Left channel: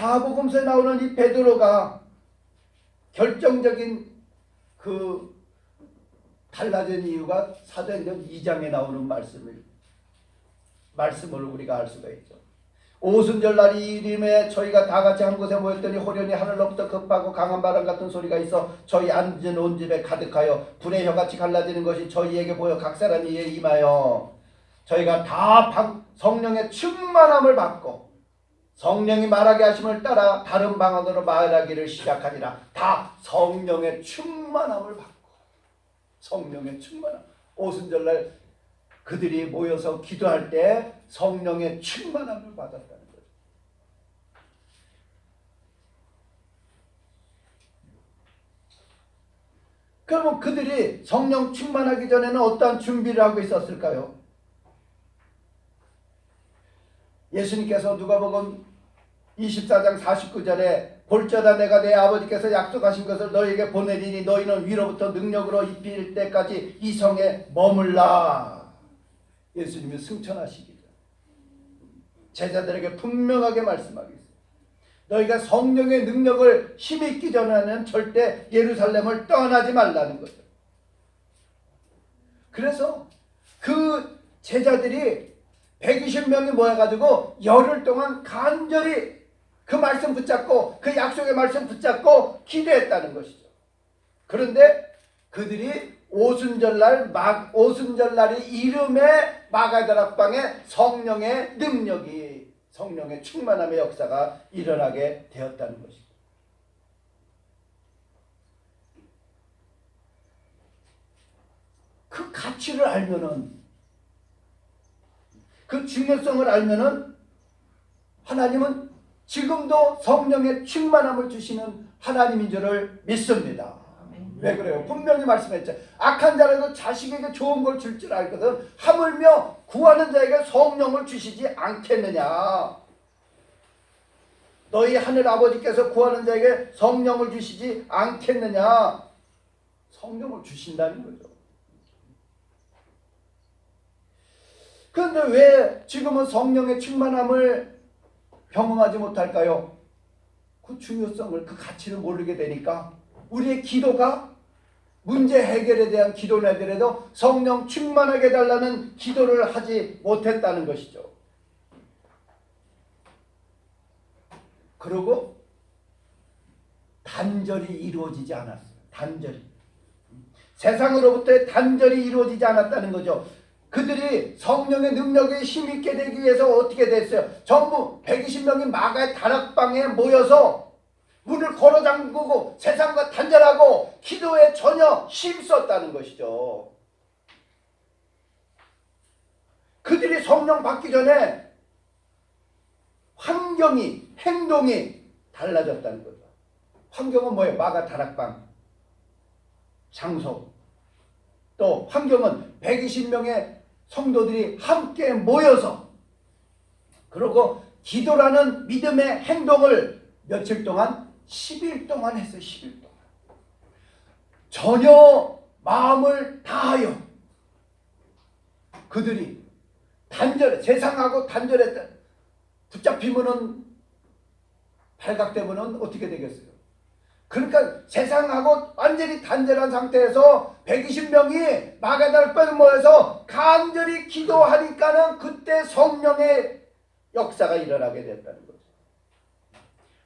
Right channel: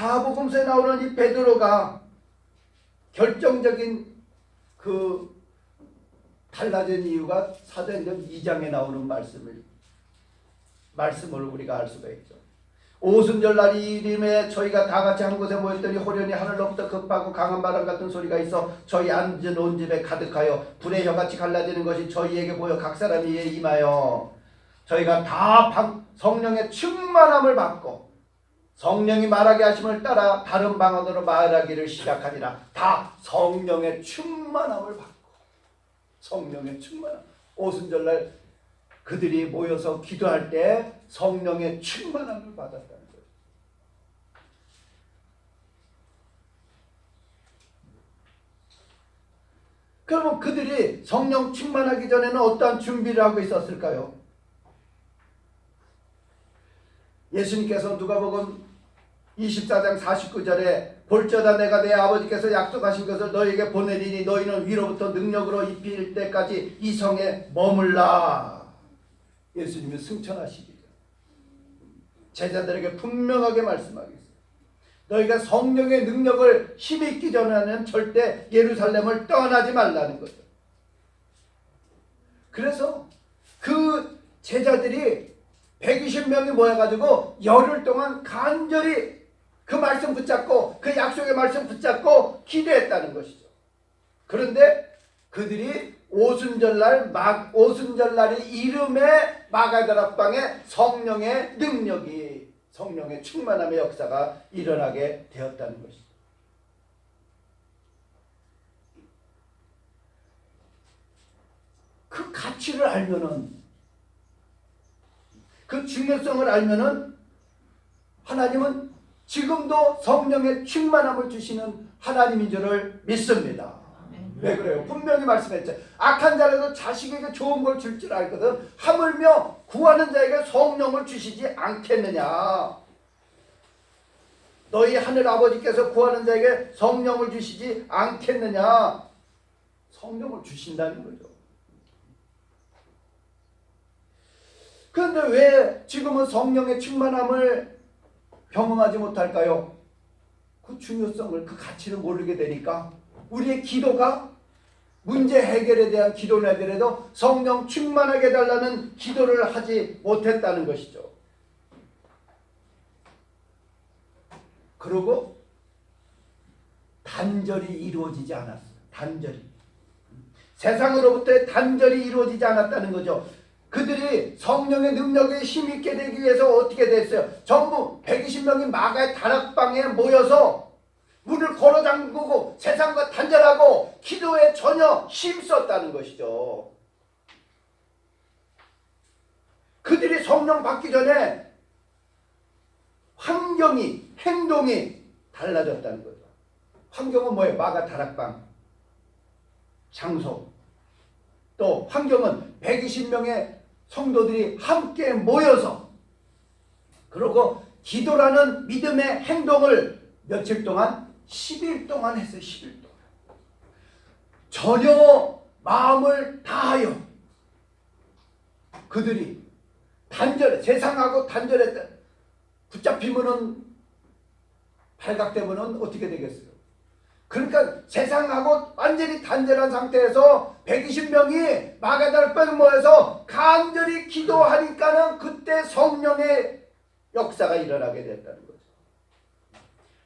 사복음서에 나오는 이 베드로가 결정적인 그 달라진 이유가 사도행전 2장에 나오는 말씀을 우리가 알 수가 있죠. 오순절날이 이름에 저희가 다 같이 한 곳에 모였더니 호련히 하늘로부터 급하고 강한 바람 같은 소리가 있어 저희 앉은 온 집에 가득하여 불의 혀같이 갈라지는 것이 저희에게 보여 각 사람이 이에 임하여 저희가 다 성령의 충만함을 받고 성령이 말하게 하심을 따라 다른 방언으로 말하기를 시작하니라. 다 성령의 충만함을 받고, 성령의 충만함. 오순절날 그들이 모여서 기도할 때 성령의 충만함을 받았다는 거죠. 그러면 그들이 성령 충만하기 전에는 어떠한 준비를 하고 있었을까요? 예수님께서 누가복음 24장 49절에 볼지어다 내가 내 아버지께서 약속하신 것을 너희에게 보내리니 너희는 위로부터 능력으로 입힐 때까지 이 성에 머물라. 예수님이 승천하시기 전 제자들에게 분명하게 말씀하겠어요. 너희가 성령의 능력을 힘입기 전에는 절대 예루살렘을 떠나지 말라는 거죠. 그래서 그 제자들이 120명이 모여가지고 열흘 동안 간절히 그 말씀 붙잡고 그 약속의 말씀 붙잡고 기도했다는 것이죠. 그런데 그들이 오순절날이 이름의 마가다락방에 성령의 능력이 성령의 충만함의 역사가 일어나게 되었다는 것이죠. 그 가치를 알면은 그 중요성을 알면은 하나님은 지금도 성령의 충만함을 주시는 하나님인 줄을 믿습니다. 왜 그래요? 분명히 말씀했죠. 악한 자라도 자식에게 좋은 걸 줄 줄 알거든 하물며 구하는 자에게 성령을 주시지 않겠느냐. 너희 하늘 아버지께서 구하는 자에게 성령을 주시지 않겠느냐. 성령을 주신다는 거죠. 그런데 왜 지금은 성령의 충만함을 경험하지 못할까요? 그 중요성을, 그 가치를 모르게 되니까 우리의 기도가 문제 해결에 대한 기도를 하더라도 성령 충만하게 해달라는 기도를 하지 못했다는 것이죠. 그리고 단절이 이루어지지 않았어요. 단절이. 세상으로부터의 단절이 이루어지지 않았다는 거죠. 그들이 성령의 능력에 힘있게 되기 위해서 어떻게 됐어요? 전부 120명이 마가의 다락방에 모여서 문을 걸어 잠그고 세상과 단절하고 기도에 전혀 힘썼다는 것이죠. 그들이 성령 받기 전에 환경이, 행동이 달라졌다는 거죠. 환경은 뭐예요? 마가 다락방, 장소. 또 환경은 120명의 성도들이 함께 모여서 그리고 기도라는 믿음의 행동을 며칠 동안 10일 동안 했어요. 10일 동안. 전혀 마음을 다하여 그들이 세상하고 단절했다. 붙잡히면은 발각되면은 어떻게 되겠어요? 그러니까 세상하고 완전히 단절한 상태에서 120명이 마가다락방에 모여서 간절히 기도하니까는 그때 성령의 역사가 일어나게 됐다는 거죠.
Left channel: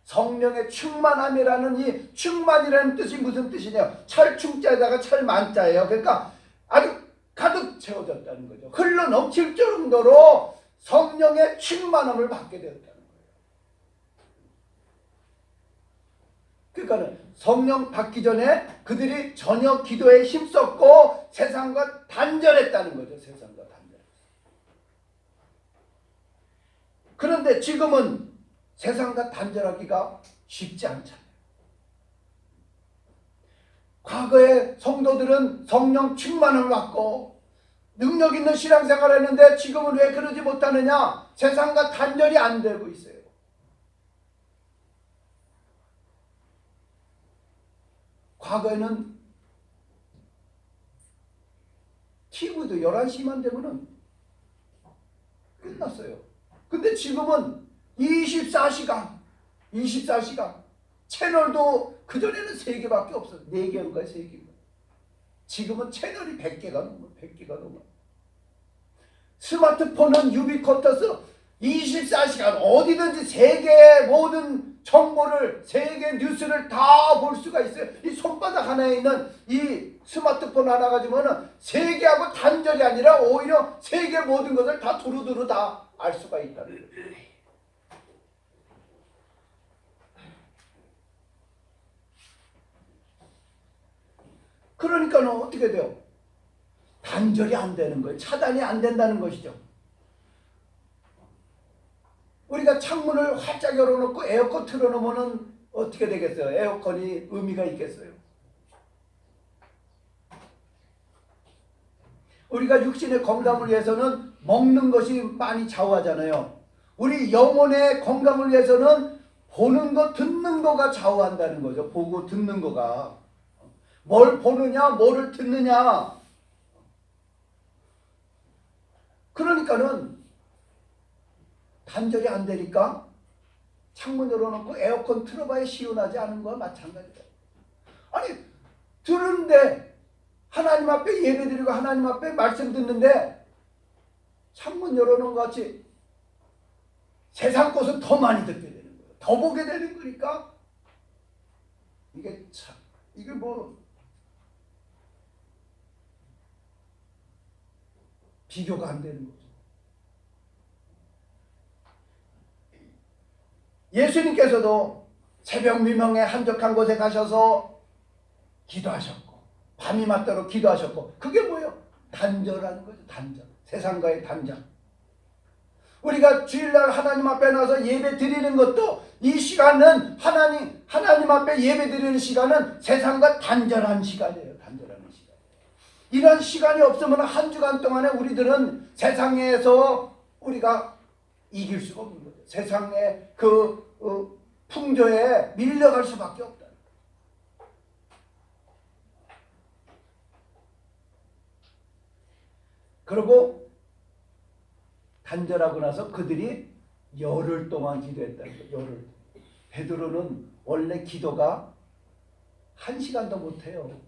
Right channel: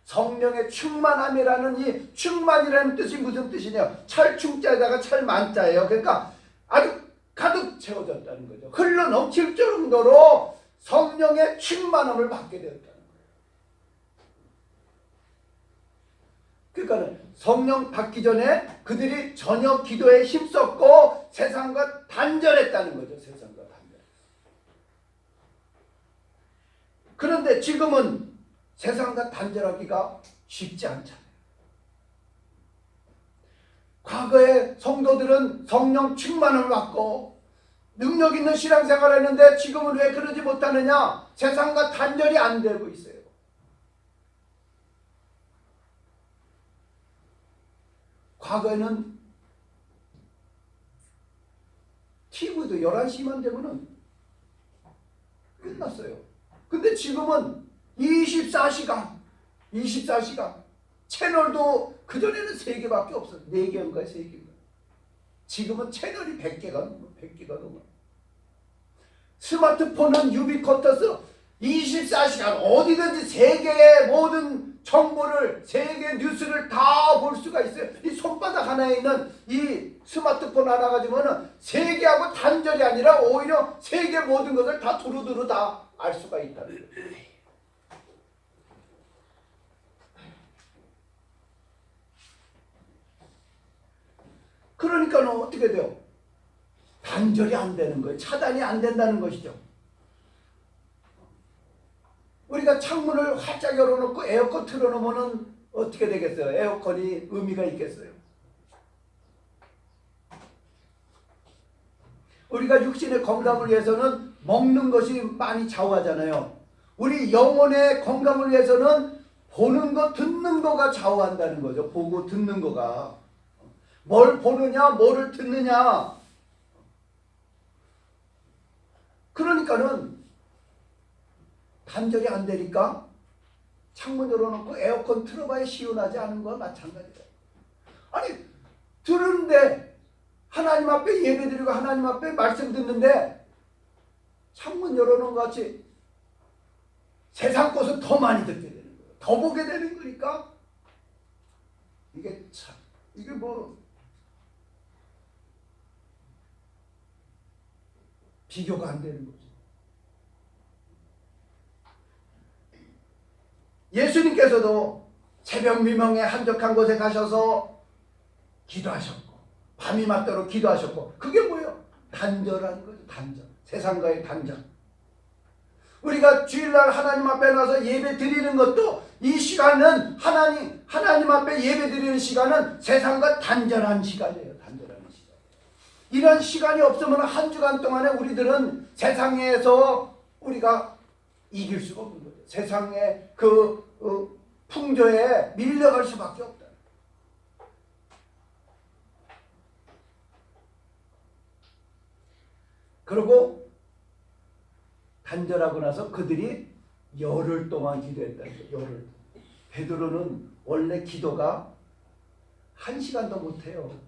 성령의 충만함이라는 이 충만이라는 뜻이 무슨 뜻이냐? 철충자에다가 철만자예요. 그러니까 아주 가득 채워졌다는 거죠. 흘러 넘칠 정도로 성령의 충만함을 받게 되었다는 거예요. 그러니까 성령 받기 전에 그들이 전혀 기도에 힘썼고 세상과 단절했다는 거죠. 세상과 단절했어요. 그런데 지금은 세상과 단절하기가 쉽지 않잖아요. 과거에 성도들은 성령 충만을 받고 능력 있는 신앙생활을 했는데 지금은 왜 그러지 못하느냐? 세상과 단절이 안 되고 있어요. 과거에는 TV도 11시만 되면은 끝났어요. 근데 지금은 24시간 24시간. 채널도 그전에는 3개밖에 없어요. 4개인가 3개인가. 지금은 채널이 100개가 넘어. 100개가 넘어. 스마트폰은 유비쿼터스 24시간 어디든지 세계의 모든 정보를, 세계 뉴스를 다 볼 수가 있어요. 이 손바닥 하나에 있는 이 스마트폰 하나 가지고는 세계하고 단절이 아니라 오히려 세계 모든 것을 다 두루두루 다 알 수가 있다는 거예요. 그러니까 어떻게 돼요? 단절이 안 되는 거예요. 차단이 안 된다는 것이죠. 우리가 창문을 활짝 열어놓고 에어컨 틀어놓으면 어떻게 되겠어요? 에어컨이 의미가 있겠어요? 우리가 육신의 건강을 위해서는 먹는 것이 많이 좌우하잖아요. 우리 영혼의 건강을 위해서는 보는 것, 듣는 거가 좌우한다는 거죠. 보고 듣는 거가. 뭘 보느냐, 뭐를 듣느냐. 그러니까는 단절이 안 되니까 창문 열어놓고 에어컨 틀어봐야 시원하지 않은 거와 마찬가지다. 아니, 들은데 하나님 앞에 예배드리고 하나님 앞에 말씀 듣는데 창문 열어놓은 것 같이 세상 것은 더 많이 듣게 되는 거예요. 더 보게 되는 거니까 이게 참, 이게 뭐 비교가 안 되는 거죠. 예수님께서도 새벽 미명에 한적한 곳에 가셔서 기도하셨고 밤이 맞도록 기도하셨고, 그게 뭐예요? 단절하는 거죠. 단절. 세상과의 단절. 우리가 주일날 하나님 앞에 나서 예배 드리는 것도, 이 시간은 하나님 앞에 예배 드리는 시간은 세상과 단절한 시간이에요. 단절하는 시간. 이런 시간이 없으면 한 주간 동안에 우리들은 세상에서 우리가 이길 수가 없는 거예요. 세상의 그 풍조에 밀려갈 수밖에 없다. 그리고 단절하고 나서 그들이 열흘 동안 기도했다. 열흘. 베드로는 원래 기도가 1시간도 못해요.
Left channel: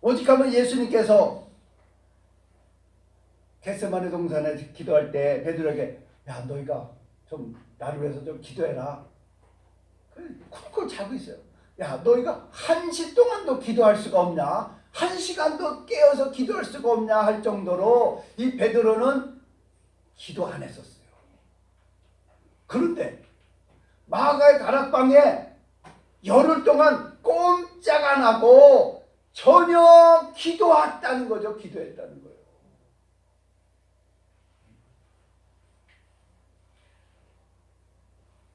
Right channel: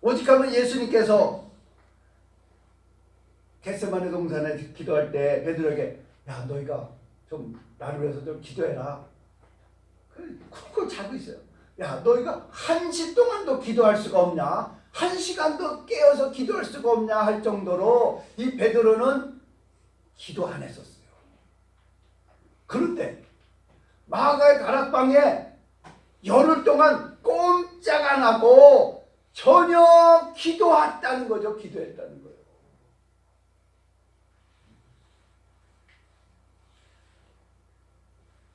오직하면 예수님께서 겟세마네 동산에 기도할 때 베드로에게, 야, 너희가 좀 나를 위해서 좀 기도해라. 쿨쿨 자고 있어요. 야, 너희가 1시 동안도 기도할 수가 없냐? 1시간도 깨어서 기도할 수가 없냐? 할 정도로 이 베드로는 기도 안 했었어요. 그런데 마가의 다락방에 열흘 동안 꼼짝 안 하고 전혀 기도했다는 거죠. 기도했다는 거예요.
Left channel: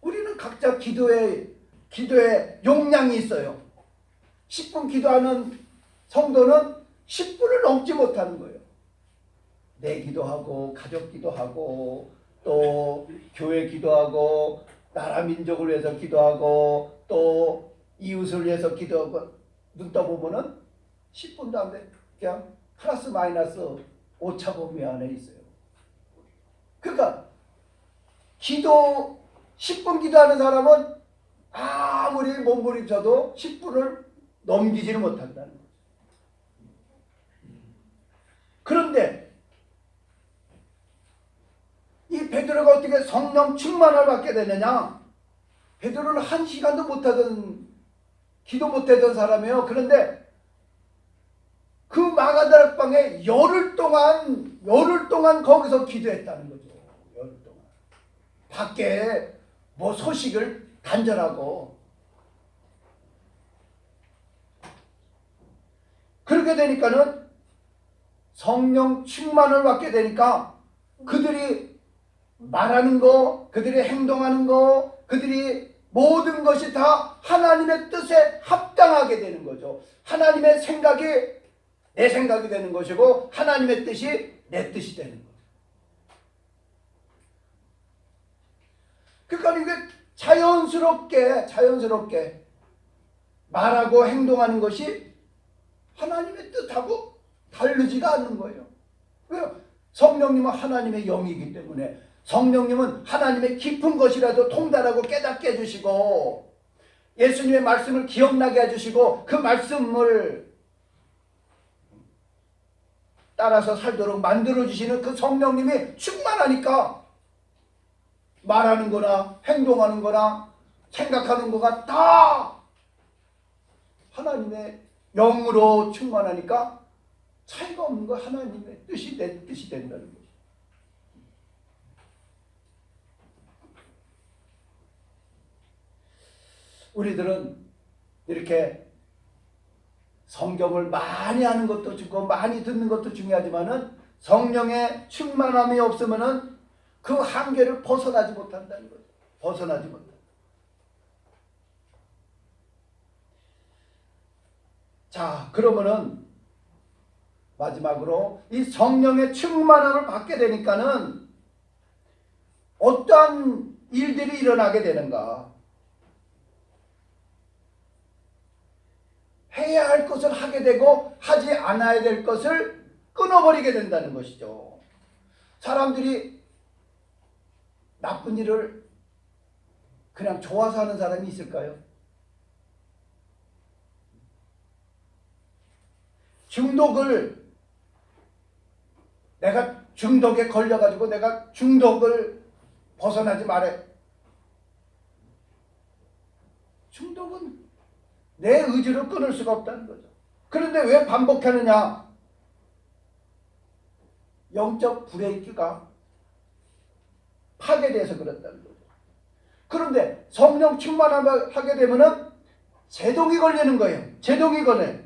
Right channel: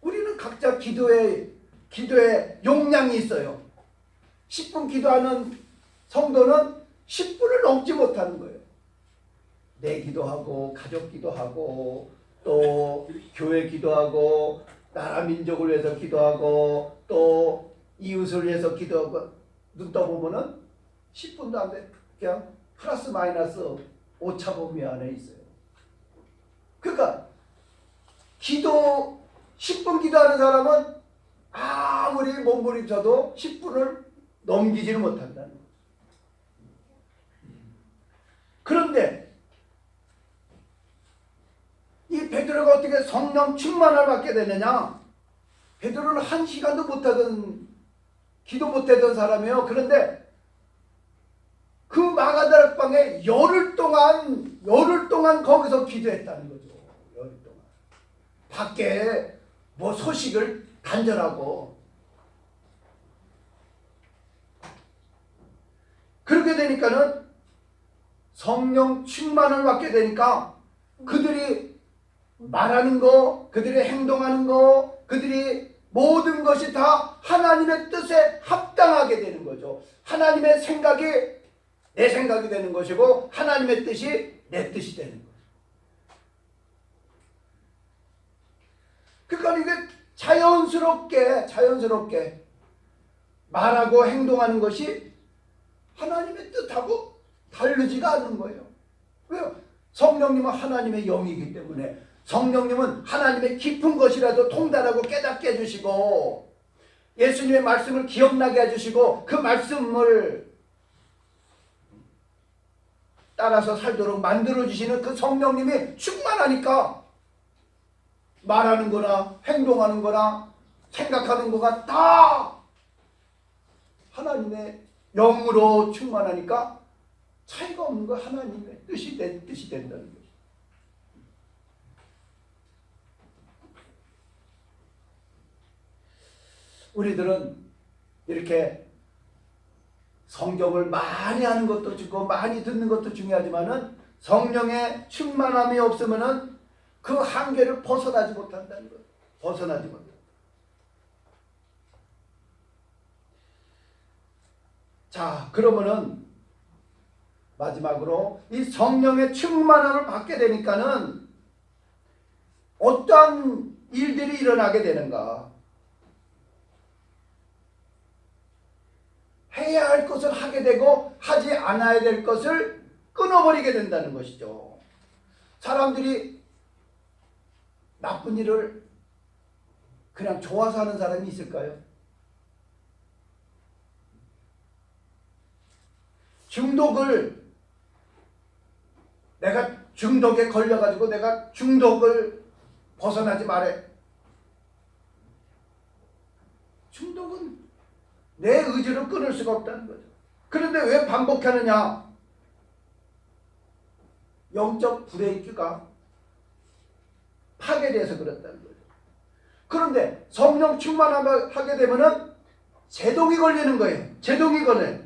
우리는 각자 기도의 용량이 있어요. 10분 기도하는 성도는 10분을 넘지 못하는 거예요. 내 기도하고 가족 기도하고 또 교회 기도하고 나라 민족을 위해서 기도하고 또 이웃을 위해서 기도하고, 눈 떠보면은 10분도 안 돼. 그냥 플러스 마이너스 오차범위 안에 있어요. 그러니까 기도 10분 기도하는 사람은 아무리 몸부림쳐도 10분을 넘기지를 못한다는 거예요. 그런데 이 베드로가 어떻게 성령 충만을 받게 되느냐? 베드로는 1시간도 못하던, 기도 못하던 사람이에요. 그런데 그 마가다락방에 열흘 동안 거기서 기도했다는 거죠. 열흘 동안. 밖에 뭐 소식을 단절하고. 그렇게 되니까는 성령 충만을 받게 되니까 그들이 말하는 거, 그들이 행동하는 거, 그들이 모든 것이 다 하나님의 뜻에 합당하게 되는 거죠. 하나님의 생각이 내 생각이 되는 것이고 하나님의 뜻이 내 뜻이 되는 거예요. 그러니까 이게 자연스럽게 말하고 행동하는 것이 하나님의 뜻하고 다르지가 않는 거예요. 왜요? 성령님은 하나님의 영이기 때문에 성령님은 하나님의 깊은 것이라도 통달하고 깨닫게 해주시고 예수님의 말씀을 기억나게 해주시고 그 말씀을 따라서 살도록 만들어주시는 그 성령님이 충만하니까 말하는 거나 행동하는 거나 생각하는 거가 다 하나님의 영으로 충만하니까 차이가 없는 거 하나님의 뜻이 된다는 거죠. 우리들은 이렇게 성경을 많이 하는 것도 중요하고 많이 듣는 것도 중요하지만은 성령의 충만함이 없으면은 그 한계를 벗어나지 못한다는 거죠. 벗어나지 못한다. 자, 그러면은 마지막으로 이 성령의 충만함을 받게 되니까는 어떠한 일들이 일어나게 되는가? 해야 할 것을 하게 되고 하지 않아야 될 것을 끊어버리게 된다는 것이죠. 사람들이 나쁜 일을 그냥 좋아서 하는 사람이 있을까요? 중독을 내가 중독에 걸려가지고 내가 중독을 벗어나지 말해. 중독은 내 의지로 끊을 수가 없다는 거죠. 그런데 왜 반복하느냐? 영적 브레이크가 파괴돼서 그렇다는 거죠. 그런데 성령 충만함을 하게 되면은 제동이 걸리는 거예요. 제동이 걸려요.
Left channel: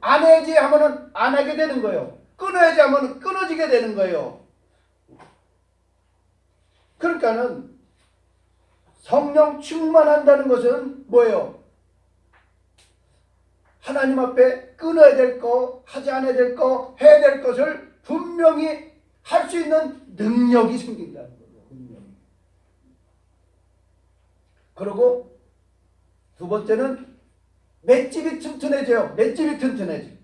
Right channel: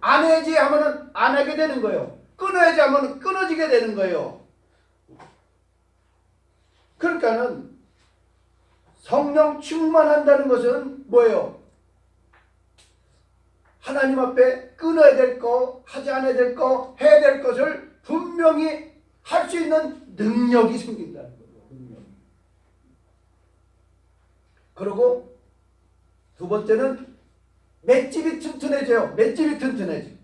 안 해야지 하면은 안 하게 되는 거예요. 끊어야지 하면은 끊어지게 되는 거예요. 그러니까는 성령 충만한다는 것은 뭐예요? 하나님 앞에 끊어야 될 거, 하지 않아야 될 거, 해야 될 것을 분명히 할 수 있는 능력이 생긴다는 거예요. 능력이. 그리고 두 번째는 맷집이 튼튼해져요. 맷집이 튼튼해져.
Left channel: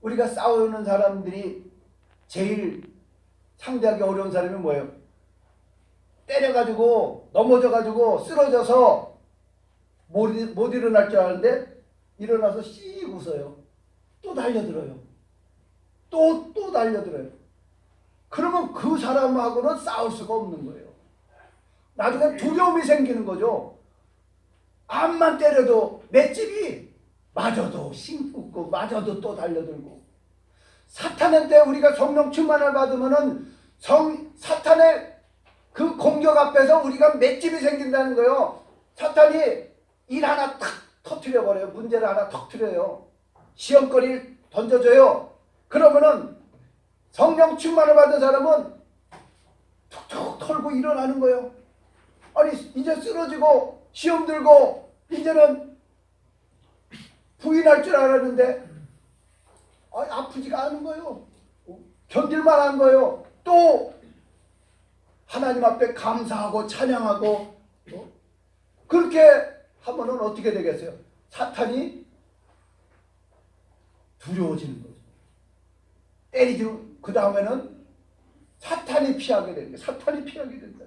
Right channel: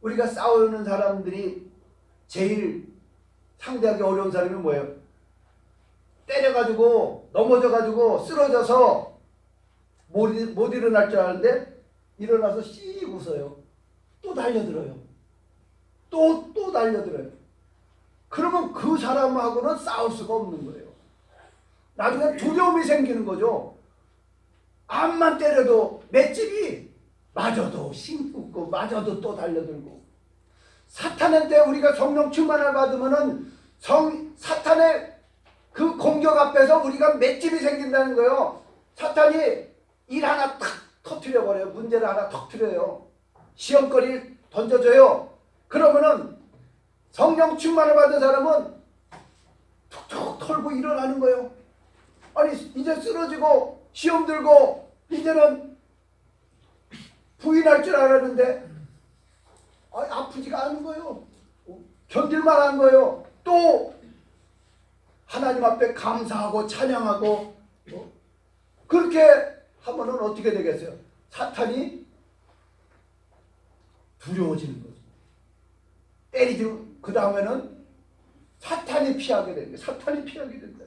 우리가 싸우는 사람들이 제일 상대하기 어려운 사람이 뭐예요? 때려가지고 넘어져가지고 쓰러져서 못 일어날 줄 아는데 일어나서 씩 웃어요. 또 달려들어요. 또 달려들어요. 그러면 그 사람하고는 싸울 수가 없는 거예요. 나중에 두려움이 생기는 거죠. 암만 때려도 맷집이 맞아도 씩 웃고 맞아도 또 달려들고. 사탄한테 우리가 성령 충만을 받으면은 사탄의 그 공격 앞에서 우리가 맷집이 생긴다는 거예요. 사탄이 일 하나 탁 터뜨려 버려요. 문제를 하나 터뜨려요. 시험거리를 던져줘요. 그러면은 성령 충만을 받은 사람은 툭툭 털고 일어나는 거예요. 아니 이제 쓰러지고 시험 들고 이제는 부인할 줄 알았는데 아프지가 않은 거예요. 견딜만 한 거예요. 또 하나님 앞에 감사하고 찬양하고 그렇게 하면은 어떻게 되겠어요? 사탄이 두려워지는 거죠. 때리죠. 그 다음에는 사탄이 피하게 되는 거예요. 사탄이 피하게 된다.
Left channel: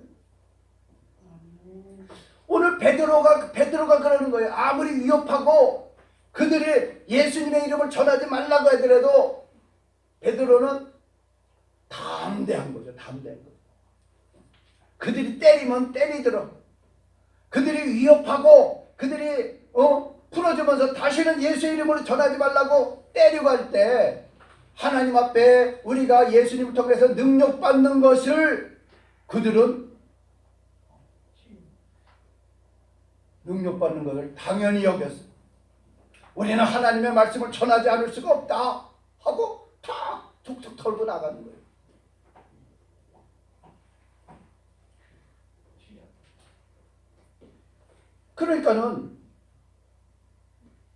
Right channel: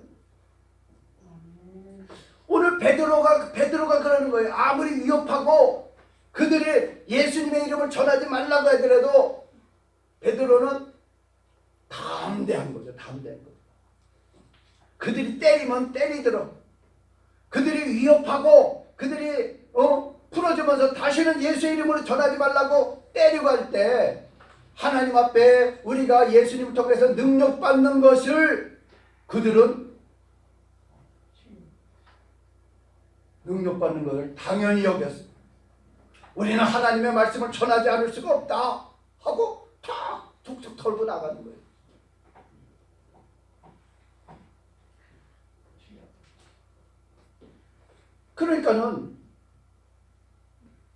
오늘 베드로가 그러는 거예요. 아무리 위협하고 그들이 예수님의 이름을 전하지 말라고 하더라도 베드로는 담대한 거죠. 담대한 거죠. 그들이 때리면 때리더라. 그들이 위협하고 그들이 풀어주면서 다시는 예수의 이름으로 전하지 말라고 때리고 할 때 하나님 앞에 우리가 예수님을 통해서 능력받는 것을 그들은 능력받는 것을 당연히 여겼어. 우리는 하나님의 말씀을 전하지 않을 수가 없다 하고 탁 툭툭 털고 나가는 거예요. 그러니까는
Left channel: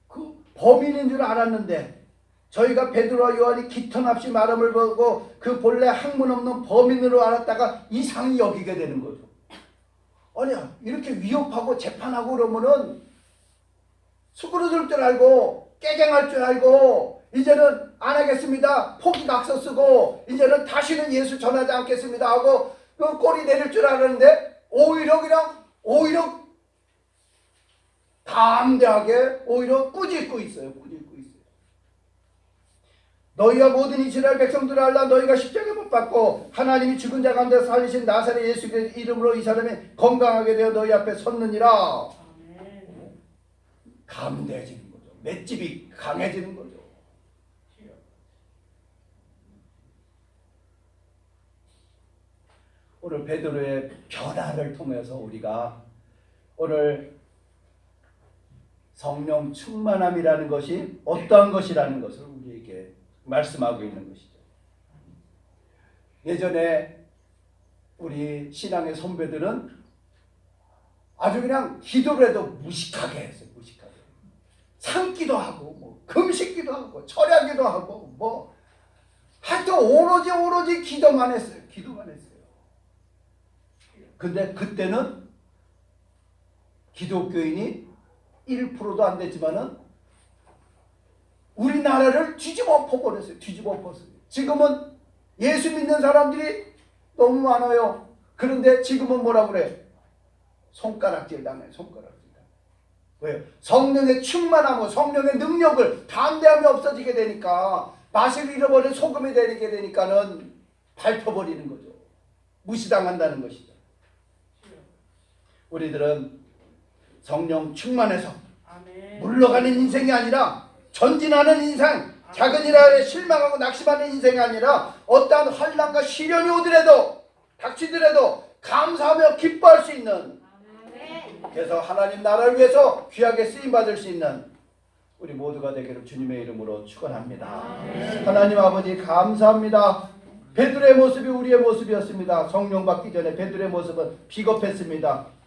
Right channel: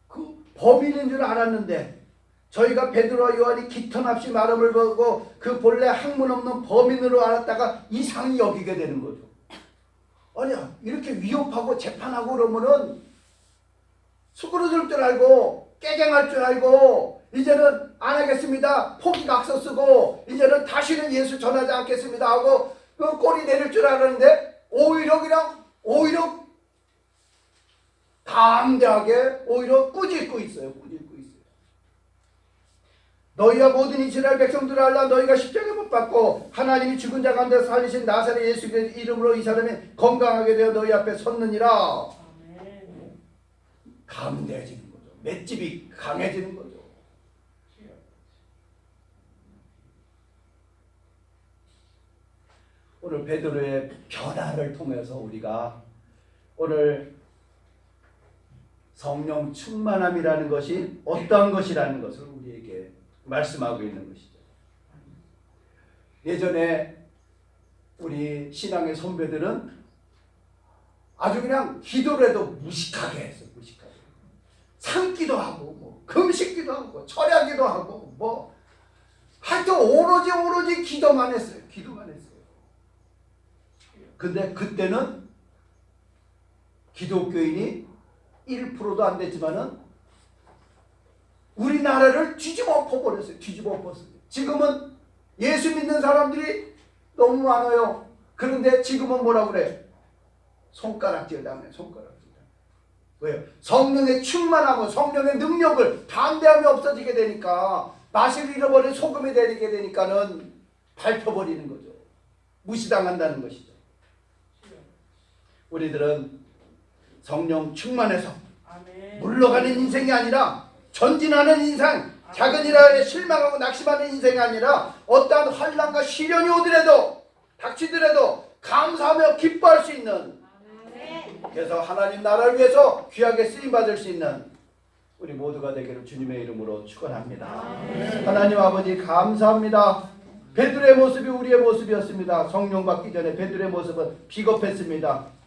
그 범인인 줄 알았는데 저희가 베드로와 요한이 기턴없이 말함을 보고 그 본래 학문 없는 범인으로 알았다가 이상히 여기게 되는 거죠. 아니야 이렇게 위협하고 재판하고 그러면은 수그러들 줄 알고 깨갱할 줄 알고 이제는 안 하겠습니다. 포기각서 쓰고 이제는 다시는 예수 전하지 않겠습니다 하고 그 꼬리 내릴 줄 알았는데 오히려 담대하게 오히려 꾸짖고 있어요. 너희가 모든 이스라엘 백성들을 알라. 너희가 십자가 못 받고 하나님이 죽은 자 가운데 살리신 나사렛 예수 그리스도의 이름으로 이 사람이 건강하게 되어 너희 앞에 섰느니라. 담대해지는 거죠. 맷집이 강해지는 거죠. 오늘 베드로의 변화를 통해서 우리가 오늘 성령 충만함이라는 것이 어떠한 것이라는 것을 우리에게 말씀하고 있는 것이죠. 예전에 우리 신앙의 선배들은 아주 그냥 기도를 해도 무식하게 했어요. 무식하게. 참기도 하고 뭐 금식기도 하고 철야기도 하고 뭐 하여튼 오로지 기도만 했어요. 근데 그때는 기독교인이 1%도 안 됐지만은 우리나라를 뒤집어 엎어버렸어요. 지금은 예수 믿는 사람들이 너무 많아요. 그런데 지금은 뭐라 그래? 손가락질 당해요. 왜요? 성령의 충만함과 성령의 능력을 담대함이 없어지게 되니까 맛을 잃어버린 소금이 되게 되니까는 밟혀버리는 거죠. 무시당한다는 것이죠. 우리들은 성령 충만해서 물러가는 인생이 아니라 전진하는 인생, 작은 일에 실망하고 낙심하는 인생이 아니라 어떠한 환난과 시련이 오더라도 닥치더라도 감사하며 기뻐할 수 있는, 그래서 하나님 나라를 위해서 귀하게 쓰임받을 수 있는 우리 모두가 되기를 주님의 이름으로 축원합니다. 하나님 아버지 감사합니다. 베드로의 모습이 우리의 모습이었습니다. 성령 받기 전에 베드로의 모습은 비겁했습니다.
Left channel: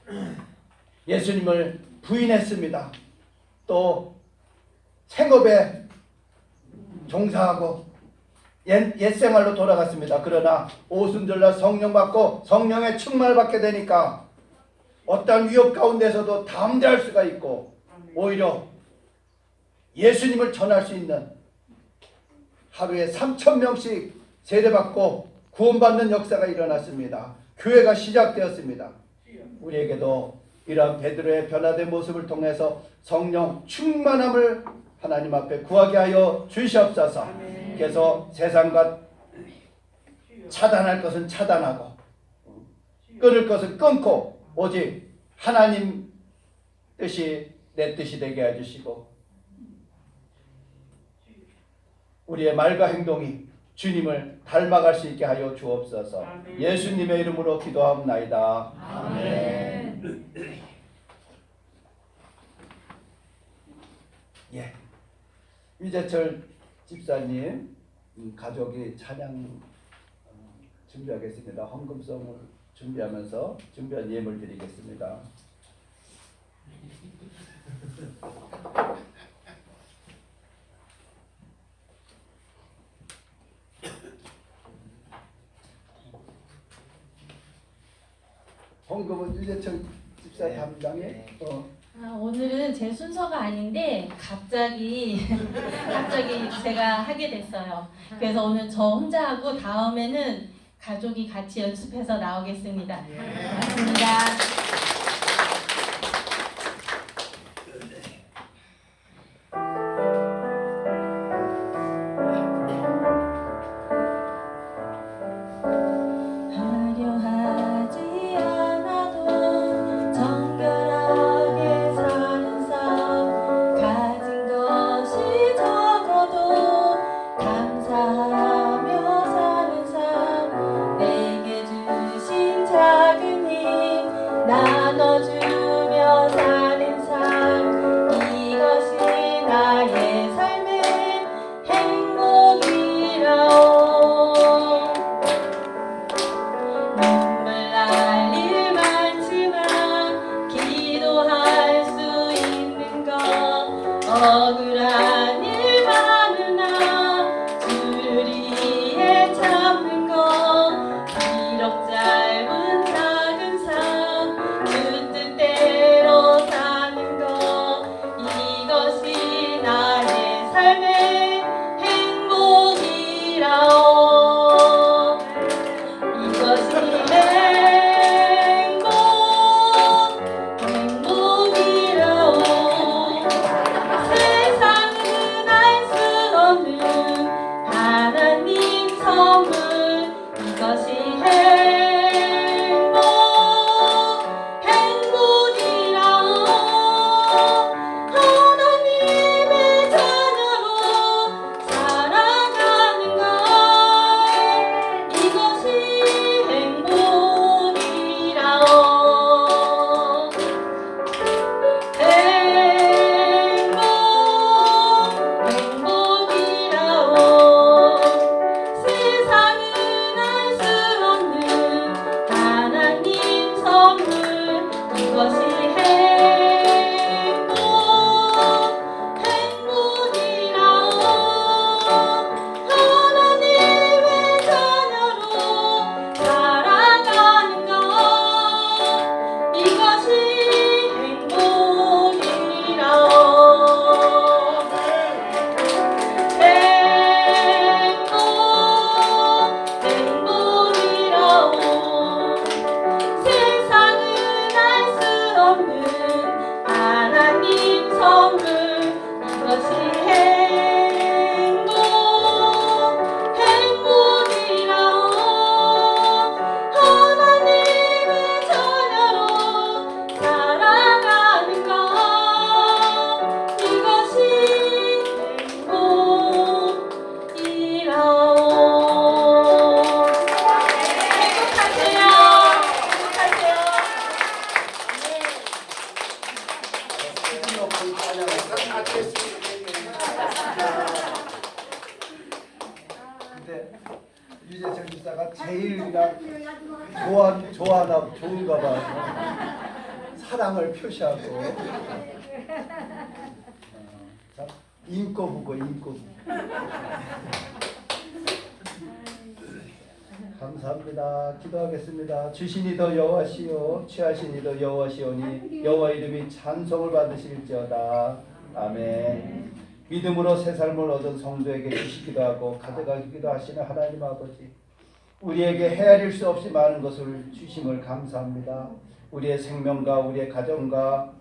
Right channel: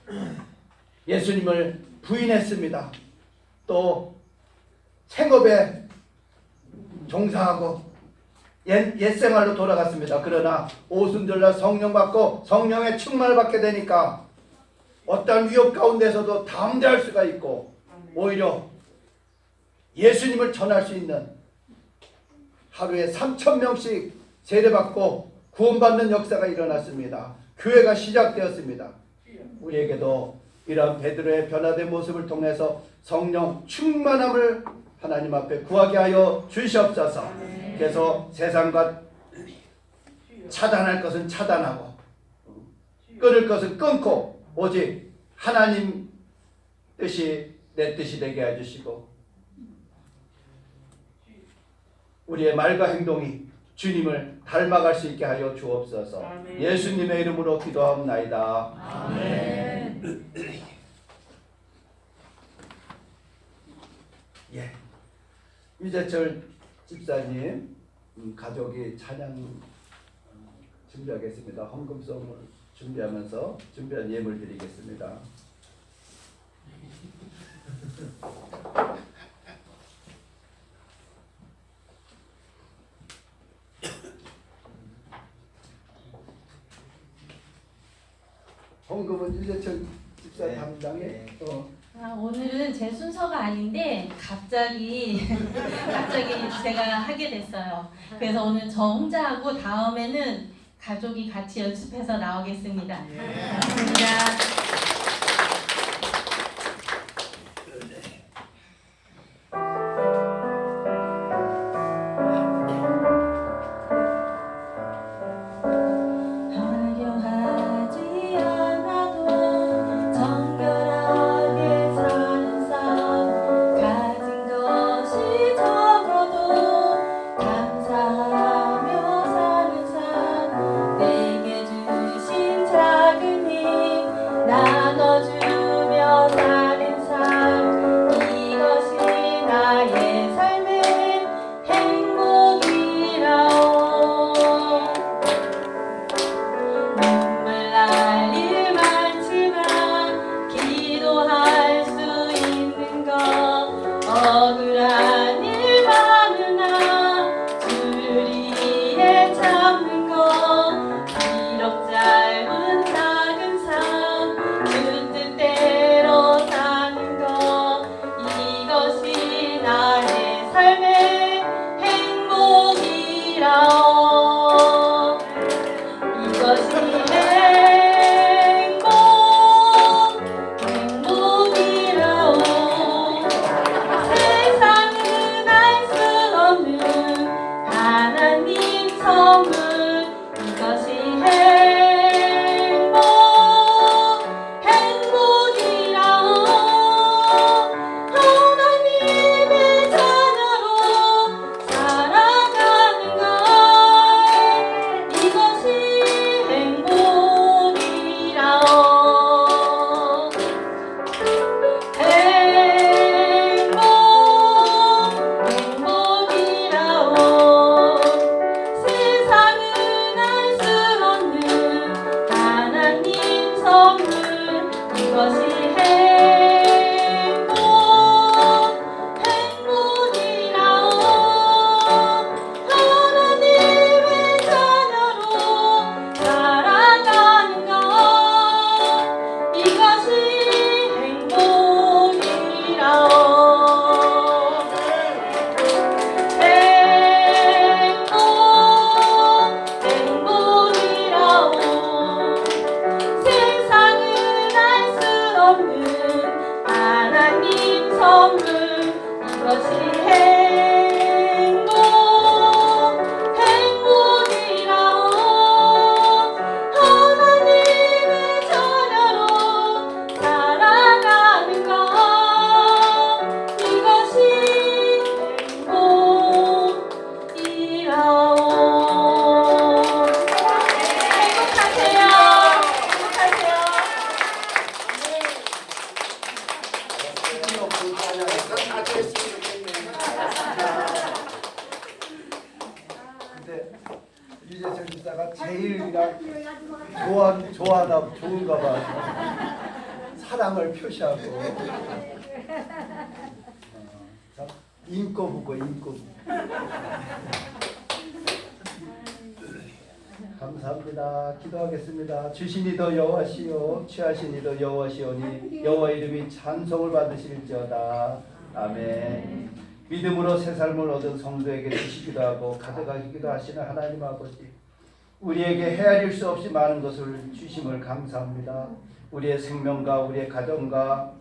예수님을 부인했습니다. 또 생업에 종사하고 옛생활로 돌아갔습니다. 그러나 오순절날 성령 받고 성령의 충만을 받게 되니까 어떠한 위협 가운데서도 담대할 수가 있고 오히려 예수님을 전할 수 있는, 하루에 3,000명씩 세례받고 구원받는 역사가 일어났습니다. 교회가 시작되었습니다. 우리에게도 이러한 베드로의 변화된 모습을 통해서 성령 충만함을 하나님 앞에 구하게 하여 주시옵소서. 그래서 세상과 차단할 것은 차단하고 끊을 것은 끊고 오직 하나님 뜻이 내 뜻이 되게 해주시고 우리의 말과 행동이 주님을 닮아갈 수 있게 하여 주옵소서. 아멘. 예수님의 이름으로 기도하옵나이다. 아멘. 예, 유재철 집사님 가족이 찬양 준비하겠습니다. 헌금송을 준비하면서 준비한 예물 드리겠습니다. 헌금은 유재철 집사 담당에. 오늘은 제 순서가 아닌데 갑자기 제가 하게 됐어요. 그래서 오늘 저 혼자 하고 다음에는 가족이 같이 연습해서 나오겠습니다. 고맙습니다. 나눠 이것이 행복이라오. 세상은 알 수 없는 하나님 선물, 이것이 행복이라오. 하나님의 자녀로 살아가는 것, 이것이 행복이라오. 행복이라오. 세상은 알 수 없는 하나님 선물, 이것이 행복이라오. 하나님의 자녀로 살아가는 것, 이것이 행복이라오. 행복이라오. 세상은 알 수 없는 하나님 선물, 이것이 행복이라오. 하나님의 자녀로 살아가는 것, 이것이 행복이라오. 행복하세요. 근데 유재석 집사가 제일 그냥 좋아하나 좋은가 봐. 사랑을 표시하고. 자, 인꼬부고 인꼬부. 감사합니다. 기도하겠습니다. 주신이도 여호와시요 취하신이도 여호와시오니 여호와 이름이 찬송을 받으실지어다. 아멘. 믿음으로 새 삶을 얻은 성도에게 주시기도 하고 가져가기도 하시는 하나님 아버지, 우리에게 헤아릴 수 없이 많은 것을 주심을 감사합니다. 우리의 생명과 우리의 가정과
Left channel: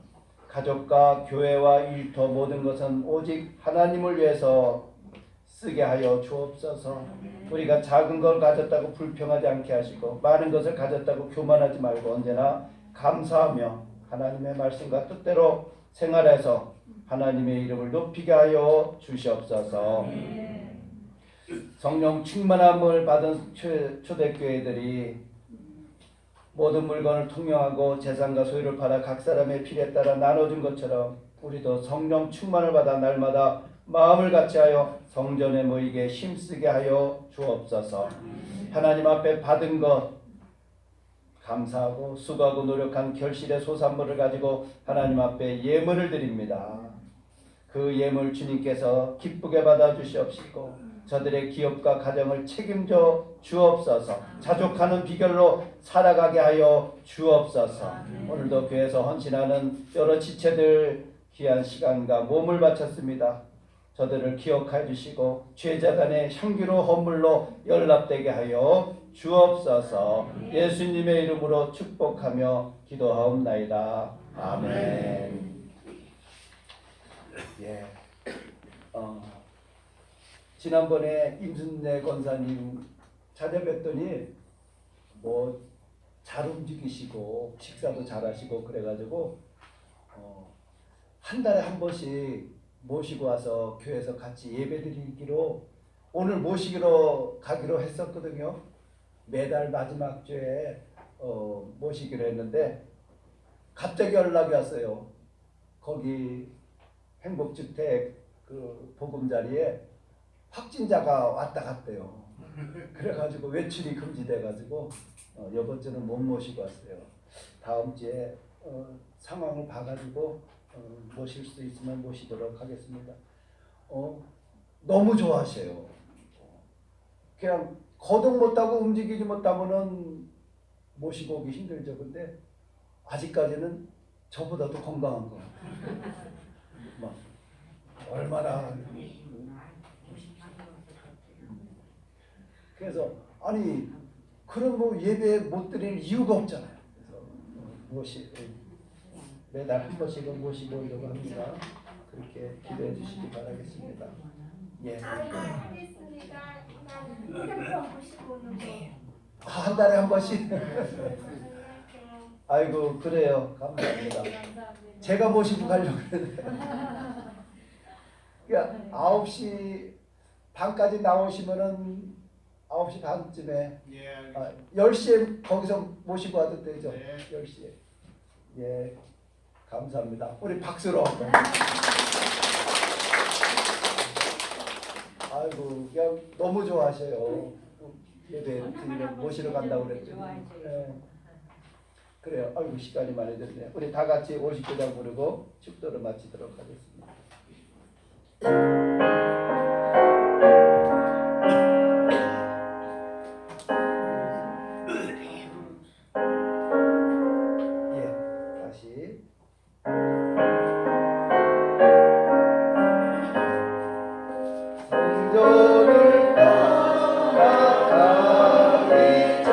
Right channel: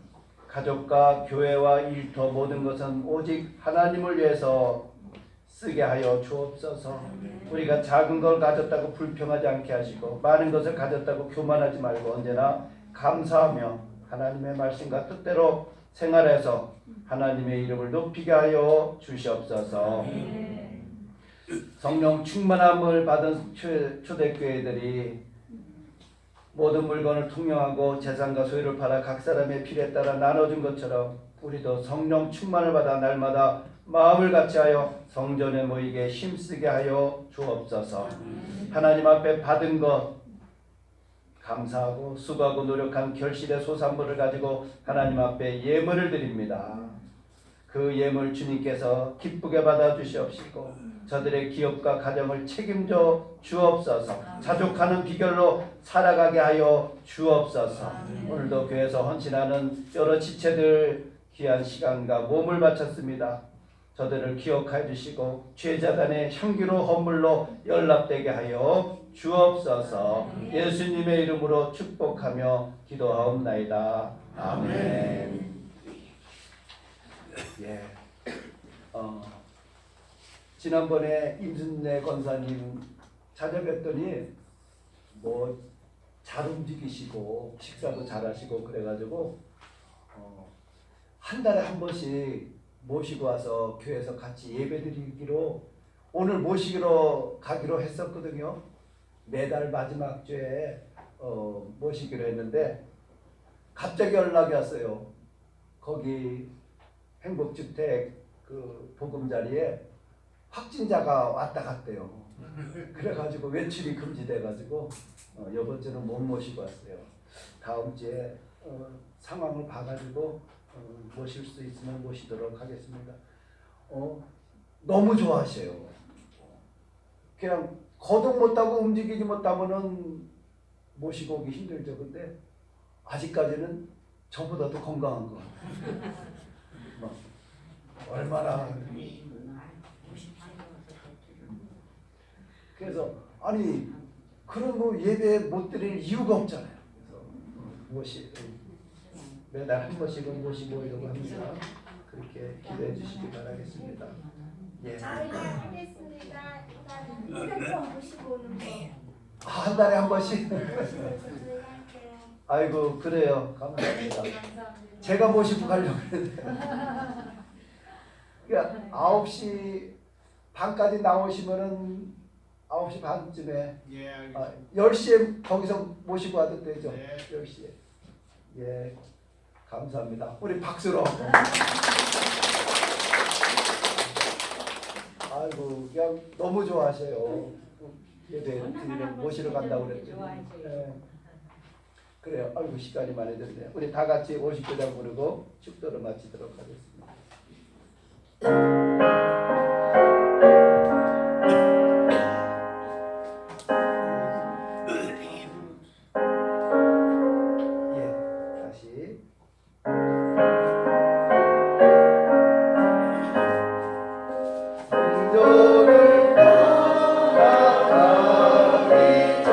가족과 교회와 일터 모든 것은 오직 하나님을 위해서 쓰게 하여 주옵소서. 우리가 작은 걸 가졌다고 불평하지 않게 하시고 많은 것을 가졌다고 교만하지 말고 언제나 감사하며 하나님의 말씀과 뜻대로 생활해서 하나님의 이름을 높이게 하여 주시옵소서. 성령 충만함을 받은 초대교회들이 모든 물건을 통용하고 재산과 소유를 팔아 각 사람의 필요에 따라 나눠준 것처럼 우리도 성령 충만을 받아 날마다 마음을 같이하여 성전에 모이게 힘쓰게 하여 주옵소서. 하나님 앞에 받은 것 감사하고 수고하고 노력한 결실의 소산물을 가지고 하나님 앞에 예물을 드립니다. 그 예물 주님께서 기쁘게 받아 주시옵시고 저들의 기업과 가정을 책임져 주옵소서. 자족하는 비결로 살아가게 하여 주옵소서. 오늘도 교회에서 헌신하는 여러 지체들 귀한 시간과 몸을 바쳤습니다. 저들을 기억해 주시고 죄자단의 향기로 헌물로 연락되게 하여 주옵소서. 예수님의 이름으로 축복하며 기도하옵나이다. 아멘. 예. 지난번에 임순례 권사님 찾아뵀더니 뭐 잘 움직이시고 식사도 잘하시고 그래가지고 한 달에 한 번씩 모시고 와서 교회에서 같이 예배드리기로 오늘 모시기로 가기로 했었거든요. 매달 마지막 주에 모시기로 했는데 갑자기 연락이 왔어요. 거기 행복주택 그 보금자리에 확진자가 왔다 갔대요. 그래가지고 외출이 금지돼가지고 이번 주는 못 모시고 왔어요. 다음 주에 상황을 봐가지고 모실 수 있으면 모시도록 하겠습니다. 너무 좋아하셔요. 그냥 거동 못하고 움직이지 못하면은 모시고 오기 힘들죠. 근데 아직까지는 저보다도 건강한 것 같아요. 얼마나 그래서 아니 그럼 뭐 예배 못 드릴 이유가 없잖아요. 그래서 매달 한 번씩은 모시고 오려고 합니다. 그렇게 기대해 주시기 바라겠습니다. 예. 저희가 하겠습니다. 일단 핸드폰 보시고 오는 거. 한 달에 한 번씩. 저희 할게요. 아이고 그래요. 감사합니다. 제가 모시고 가려고 했는데. 그러니까 9시 반까지 나오시면은 9시 반쯤에 예, 알겠습니다. 10시에 거기서 모시고 와도 되죠. 네. 10시에. 예. 감사합니다. 우리 박수로. 아이고 그냥 너무 좋아하셔요. 예배 드리러 모시러 간다고 그랬더니. 예. 그래요. 아이고 시간이 많이 됐네요. 우리 다 같이 59장 부르고 축도를 마치도록 하겠습니다. 예, 다시. 성전을 떠나가기 전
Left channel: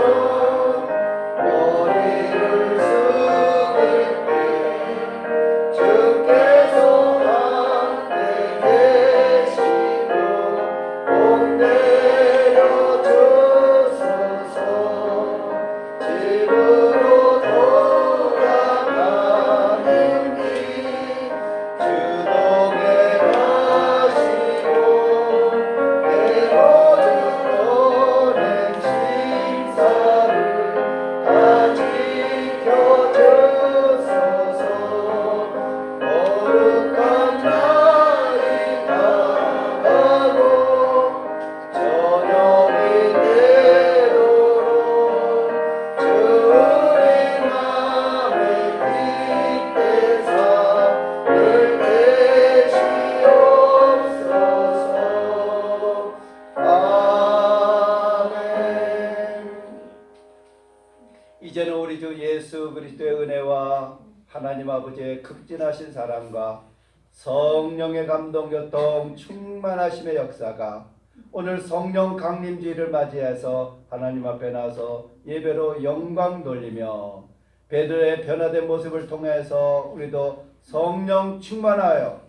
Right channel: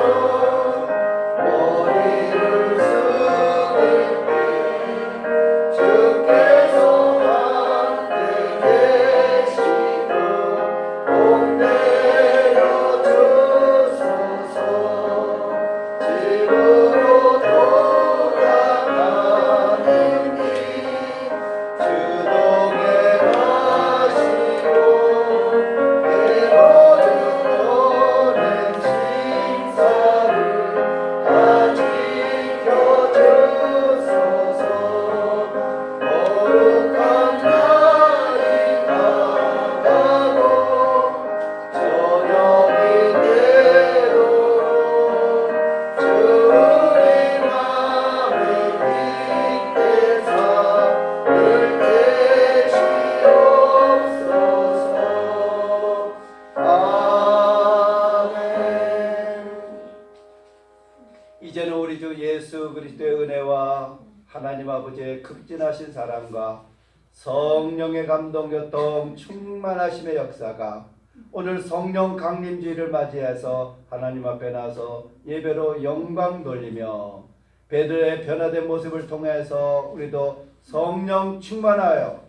머리를 숙일 때 주께서 함께 계시고 복 내려주소서. 집으로 돌아가는 길 주동에 가시고 내버려낸 심사를 다 지켜주소서. 거룩한 날이 다가고 저녁이 되도록 주 우리 맘에 빛대사 늘 계시옵소서. 아멘. 이제는 우리 주 예수 그리스도의 은혜와 하나님 아버지의 극진하신 사랑과 성령의 감동 교통 충만하심의 역사가 오늘 성령 강림주의를 맞이해서 하나님 앞에 나서 예배로 영광 돌리며 베드로의 변화된 모습을 통해서 우리도 성령 충만하여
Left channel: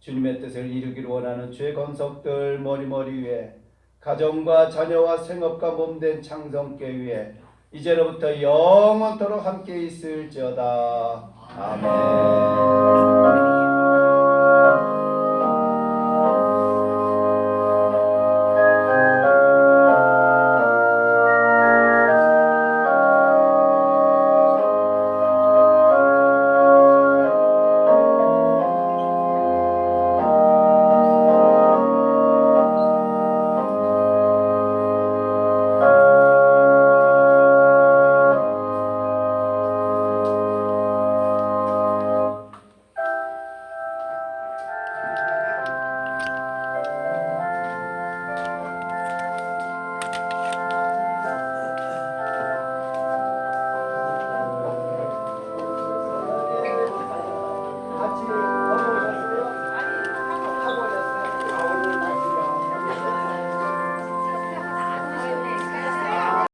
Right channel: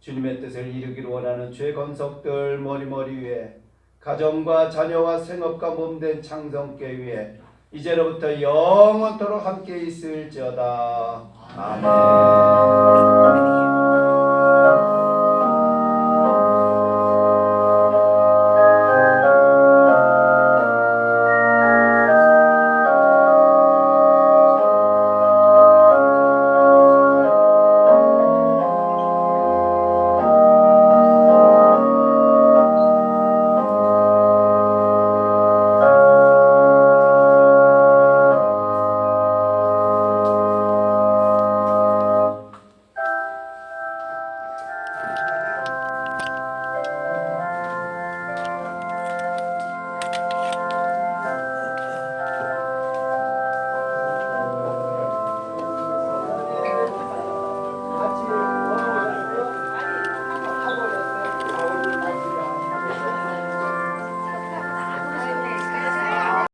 주님의 뜻을 이루기를 원하는 주의 권속들 머리머리 위에 가정과 자녀와 생업과 몸된 창성교회 위에 이제로부터 영원토록 함께 있을지어다. 아멘.